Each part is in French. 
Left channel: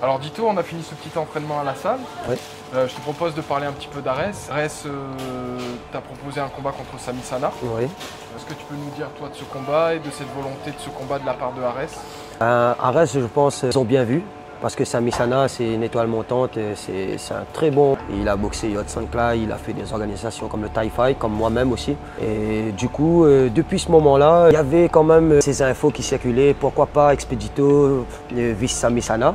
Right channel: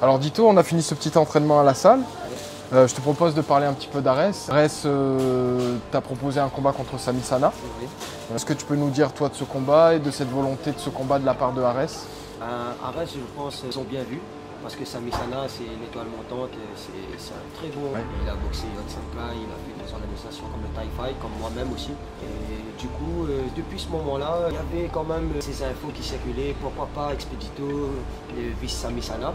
Alors Dito, on a fini ce petit entraînement à la salle. Oui. Je te propose de parler un petit peu d'Ares. Ares t'a proposé un combat contre Sami Sana. Oui. Est-ce que tu peux nous dire toi de ce combat et de cette volonté de ce combat de la part de Ares? Ares, je pense, ils ont bien vu. Parce que Sami Sana, c'est une étoile montante, c'est un très bon. Il a boxé Yod Sankla, il a fait des organisations comme le Thai Fight, comme moi-même aussi. Et du coup, depuis ce moment-là, il y avait quand même ces infos qui circulaient. Pourquoi pas Expedito vice Sami Sana?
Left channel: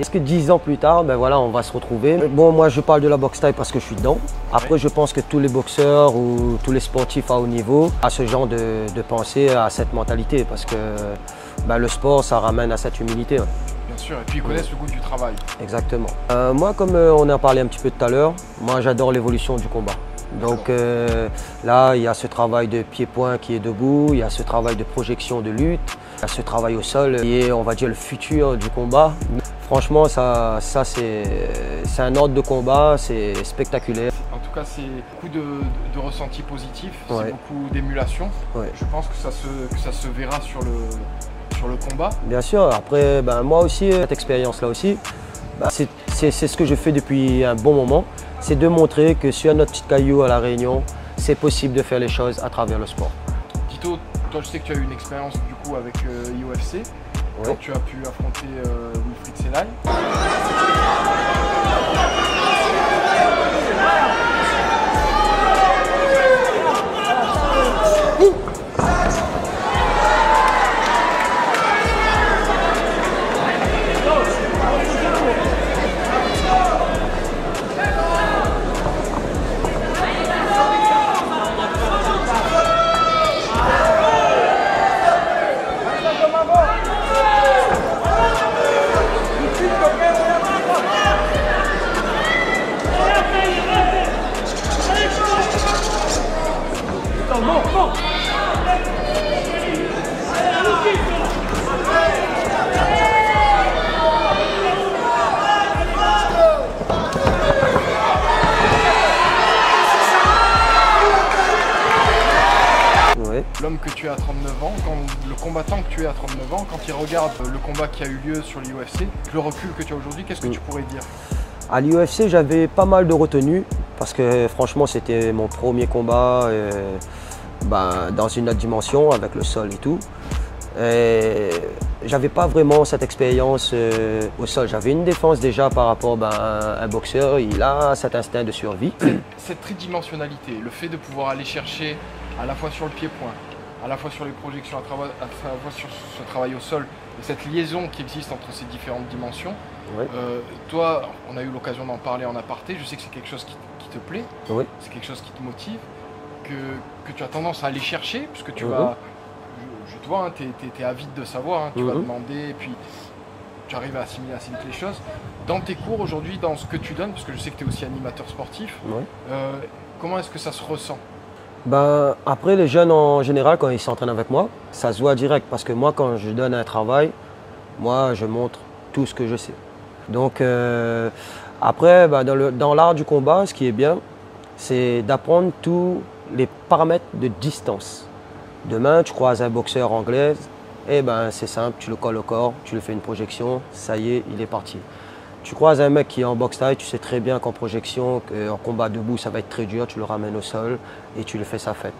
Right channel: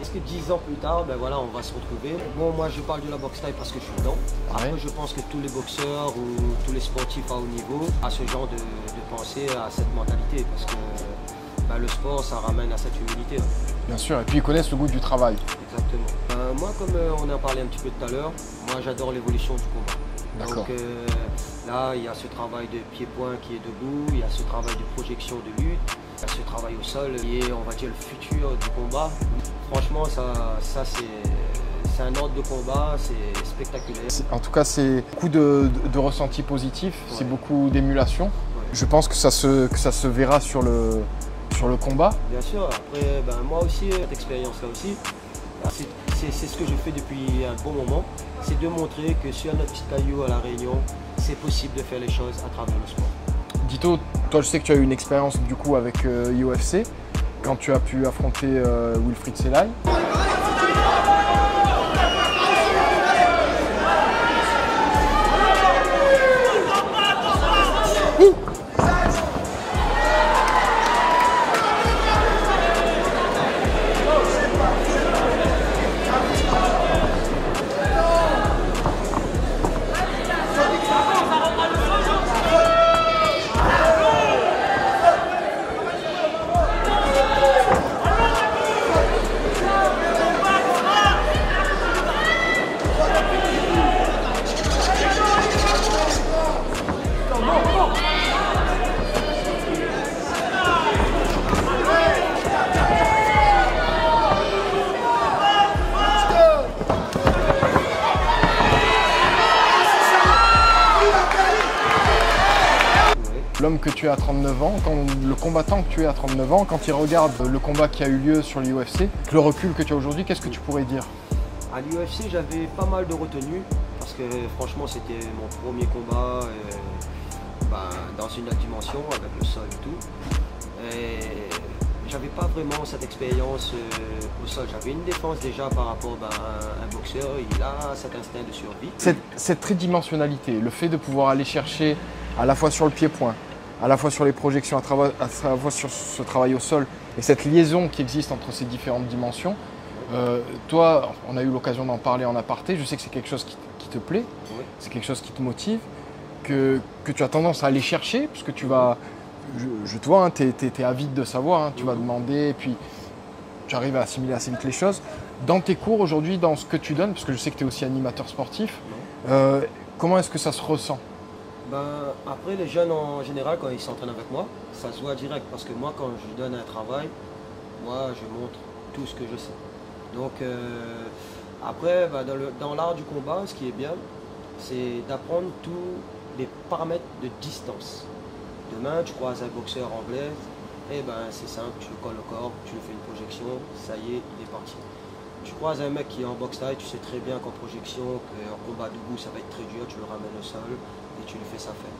Est-ce que 10 ans plus tard, ben voilà, on va se retrouver? Bon, moi je parle de la boxe thaï parce que je suis dedans. Après, je pense que tous les boxeurs ou tous les sportifs à haut niveau ont ce genre de pensée, à cette mentalité. Parce que ben, le sport, ça ramène à cette humilité. Bien sûr, et puis ils connaissent le goût du travail. Exactement. Moi, comme on a parlé un petit peu tout à l'heure, moi j'adore l'évolution du combat. Donc là, il y a ce travail de pied-point qui est debout, il y a ce travail de projection de lutte, il y a ce travail au sol qui est, on va dire, le futur du combat. Franchement, ça c'est un ordre de combat, c'est spectaculaire. En tout cas, c'est beaucoup de ressentis positifs, Ouais. c'est beaucoup d'émulation. Ouais. Je pense que ça se verra sur le combat. Bien sûr, après, ben, moi aussi, cette expérience-là aussi, ben, c'est ce que je fais depuis un bon moment. C'est de montrer que sur notre petit caillou à La Réunion, c'est possible de faire les choses à travers le sport. Dito, toi je sais que tu as eu une expérience du coup avec UFC, quand tu as pu affronter Wilfried Selay. L'homme que tu es à 39 ans, le combattant que tu es à 39 ans, quand il regarde le combat qui a eu lieu sur l'UFC, le recul que tu as aujourd'hui, qu'est-ce que tu pourrais dire? À l'UFC, j'avais pas mal de retenues parce que franchement, c'était mon premier combat ben, dans une autre dimension avec le sol et tout. Et j'avais pas vraiment cette expérience au sol. J'avais une défense déjà par rapport à un boxeur, il a cet instinct de survie. Cette tridimensionnalité, le fait de pouvoir aller chercher à la fois sur le pied-point, à la fois sur les projections, à la fois sur ce travail au sol et cette liaison qui existe entre ces différentes dimensions. Oui. Toi, on a eu l'occasion d'en parler en aparté, je sais que c'est quelque chose qui te plaît, Oui. c'est quelque chose qui te motive, que tu as tendance à aller chercher, puisque tu vas, je te vois, hein, tu es avide de savoir, hein, tu vas demander, et puis tu arrives à assimiler assez vite les choses. Dans tes cours aujourd'hui, dans ce que tu donnes, parce que je sais que tu es aussi animateur sportif, comment est-ce que ça se ressent? Ben, après, les jeunes en général, quand ils s'entraînent avec moi, ça se voit direct parce que moi, quand je donne un travail, moi, je montre tout ce que je sais. Donc, après, ben, dans l'art du combat, ce qui est bien, c'est d'apprendre tous les paramètres de distance. Demain, tu croises un boxeur anglais, et ben, c'est simple, tu le colles au corps, tu lui fais une projection, ça y est, il est parti. Tu croises un mec qui est en boxe thaï, tu sais très bien qu'en projection, en combat debout, ça va être très dur, tu le ramènes au sol et tu le fais sa fête.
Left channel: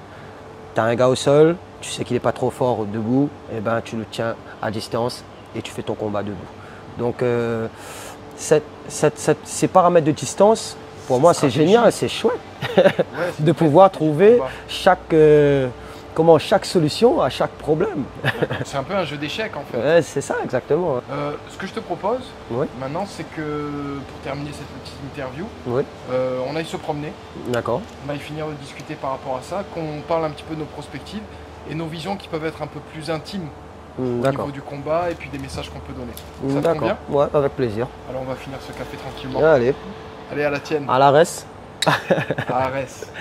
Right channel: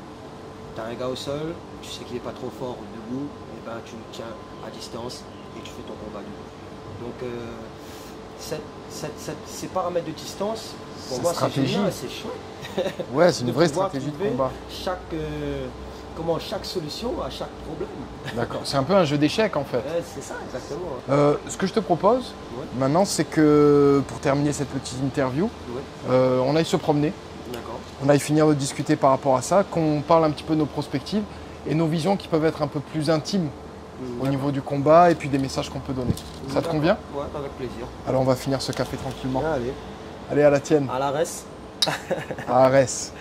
Tu as un gars au sol, tu sais qu'il n'est pas trop fort debout, et ben tu le tiens à distance et tu fais ton combat debout. Donc ces paramètres de distance, pour moi c'est génial, c'est chouette de pouvoir trouver chaque solution à chaque problème. C'est un peu un jeu d'échecs en fait. Ouais, c'est ça exactement. Ce que je te propose maintenant, c'est que pour terminer cette petite interview, on aille se promener. D'accord. On aille finir de discuter par rapport à ça, qu'on parle un petit peu de nos perspectives et nos visions qui peuvent être un peu plus intimes au niveau du combat et puis des messages qu'on peut donner. Ça te convient? Ouais, avec plaisir. Alors on va finir ce café tranquillement. Allez. Allez, à la tienne. À la res. À la res.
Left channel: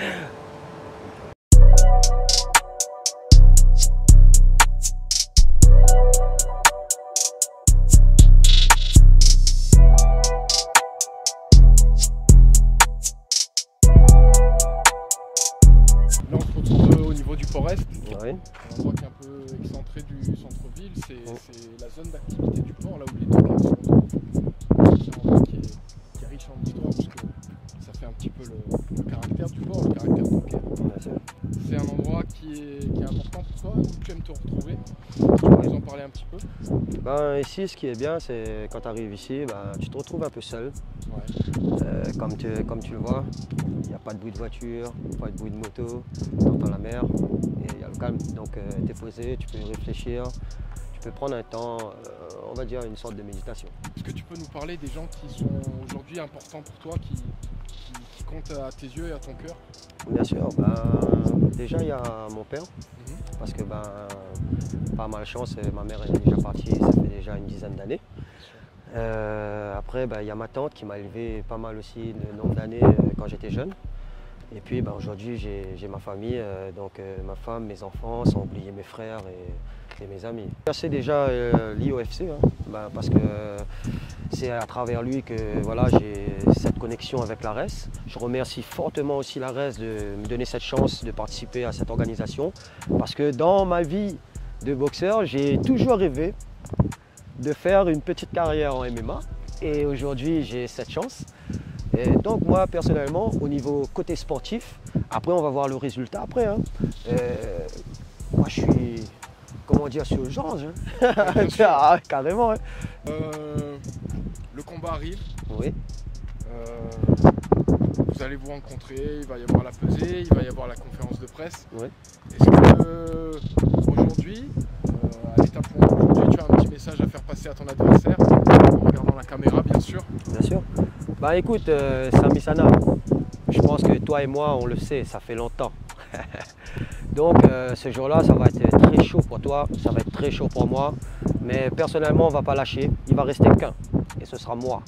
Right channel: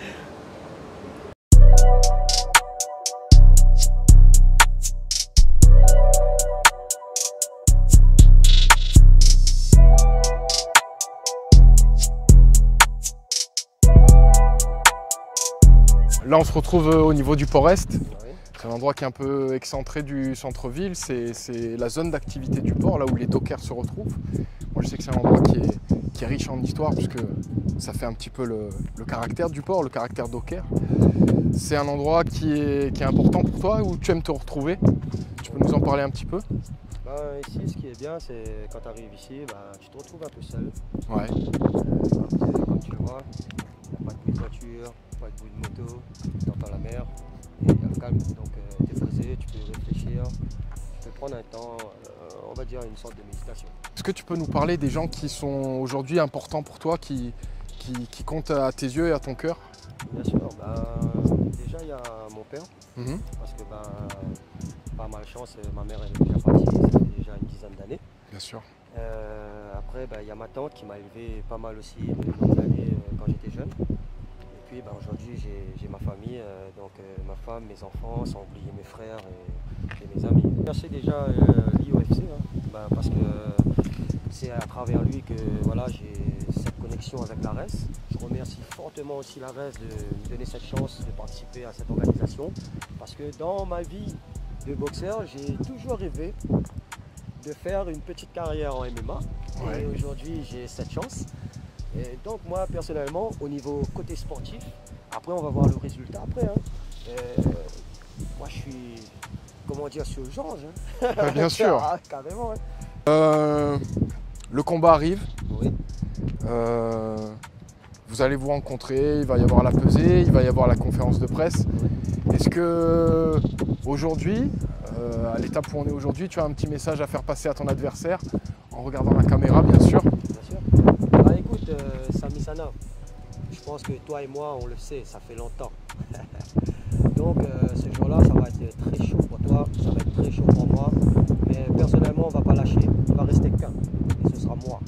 Là, on se retrouve au niveau du Port-Est. Oui. C'est un endroit qui est un peu excentré du centre-ville. C'est la zone d'activité du port, là où les dockers se retrouvent. Moi, je riche en histoire puisque ça fait un petit peu le caractère du port, le caractère docker. C'est un endroit qui est important pour toi, où tu aimes te retrouver. Tu peux nous en parler un petit peu? Ben, ici, ce qui est bien, c'est quand tu arrives ici, ben, tu te retrouves un peu seul. Ouais. Comme tu le vois, il n'y a pas de bruit de voiture, pas de bruit de moto, tu entends la mer et il y a le calme. Donc tu es posé, tu peux réfléchir, tu peux prendre un temps, on va dire une sorte de méditation. Est-ce que tu peux nous parler des gens qui sont aujourd'hui importants pour toi, qui comptent à tes yeux et à ton cœur? Bien sûr, ben, déjà il y a mon père, parce que ben, par malchance, ma mère est déjà partie, ça fait déjà une dizaine d'années. Bien sûr. Après, ben, il y a ma tante qui m'a élevé pas mal aussi le nombre d'années quand j'étais jeune. Et puis ben, aujourd'hui, j'ai ma famille, donc ma femme, mes enfants, sans oublier mes frères et mes amis. C'est déjà l'IOFC, hein, ben, parce que c'est à travers lui que voilà, j'ai cette connexion avec l'ARES. Je remercie fortement aussi l'ARES de me donner cette chance de participer à cette organisation. Parce que dans ma vie de boxeur, j'ai toujours rêvé de faire une petite carrière en MMA. Ouais. Et aujourd'hui, j'ai cette chance. Et donc moi, personnellement, au niveau côté sportif, après on va voir le résultat après. Hein. Moi, je suis, comment dire, sur urgence. Hein. Ouais, bien sûr. Ah, carrément. Hein. Le combat arrive. Oui. Vous allez vous rencontrer, il va y avoir la pesée, il va y avoir la conférence de presse. Oui. Est-ce que aujourd'hui, à l'étape où on est aujourd'hui, tu as un petit message à faire passer à ton adversaire, en regardant la caméra bien sûr? Bien sûr. Bah écoute, Sami Sana, je pense que toi et moi, on le sait, ça fait longtemps. Donc ce jour-là, ça va être très chaud pour toi, ça va être très chaud pour moi. Mais personnellement, on ne va pas lâcher, il va rester qu'un, et ce sera moi.